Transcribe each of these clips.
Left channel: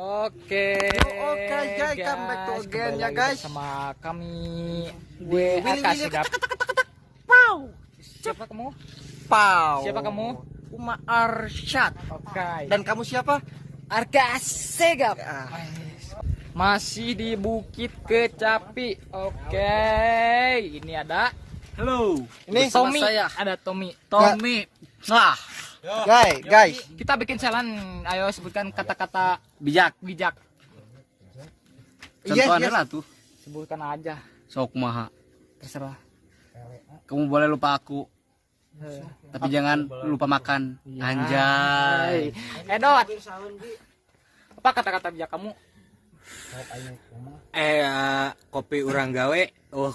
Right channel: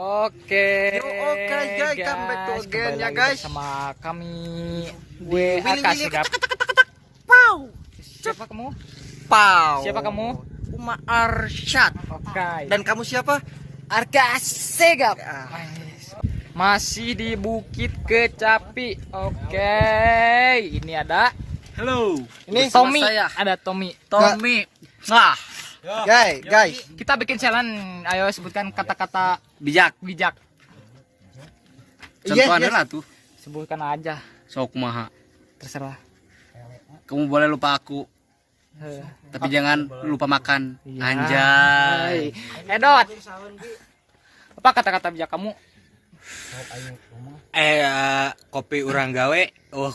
Oke. Oke guys, come back to again ya guys. Sama kami WAK Sigap. Pow. Siapa kamu? Pow. Siapa kamu? Uma Arsyad. Oke. Dan kamu siapa? Arka Sigap. Masih di Bukit Kecapi. Oke. Ini ada Halo. Ini Tommy. sama saya. Ada Tommy. Nah, guys, Kita bikin challenge. Ayo sebutkan kata-kata bijak. bijak. Contohnya lah tuh. Sebutkan aja. Sok maha. Terserah. Kamu boleh lupa aku, tapi jangan lupa makan. Iya. Anjay. Edot. Apa kata-kata bijak kamu? Kopi urang gawe,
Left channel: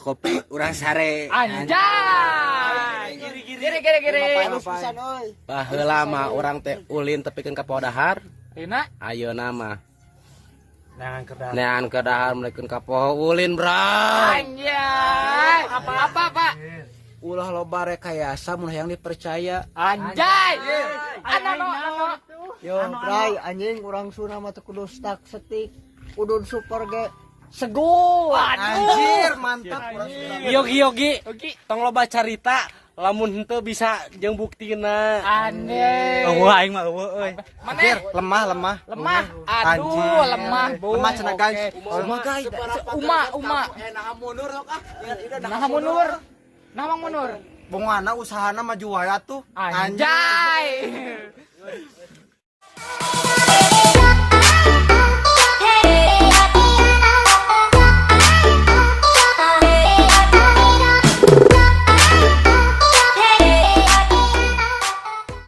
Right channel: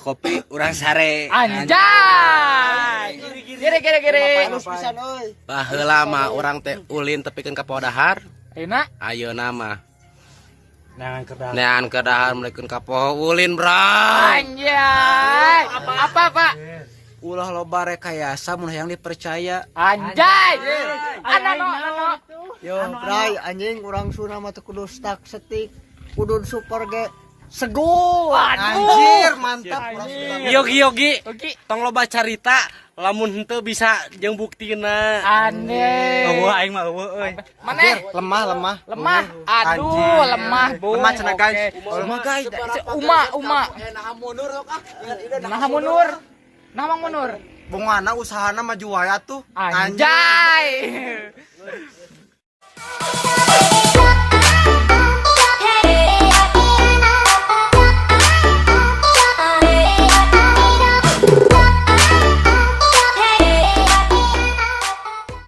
kopi urang sare. Anjay. Giri. Baheula mah urang teh ulin tepikeun ka podahar. Enak. Ayeuna mah nean ke dahar mulikeun ka poho ulin, Bray. Anjay. Apa, Pak? Ulah loba rekayasa mun hayang dipercaya. Anjay. Anu. Yo, Bray, anjing urang Sunda mah teu kudu stuck setik, kudu super ge segur. Anjir, mantap. Yogi, tong loba carita lamun henteu bisa jeung buktina. Aneh. Aing mah eueuh euy. Mana? Lemah. Lemah. Aduh, lemah, Bu. Lemah cenah, guys. Oke. Lemah, guys. Uma. Nah, Munur. Bongana usahana maju wae atuh. Anjay.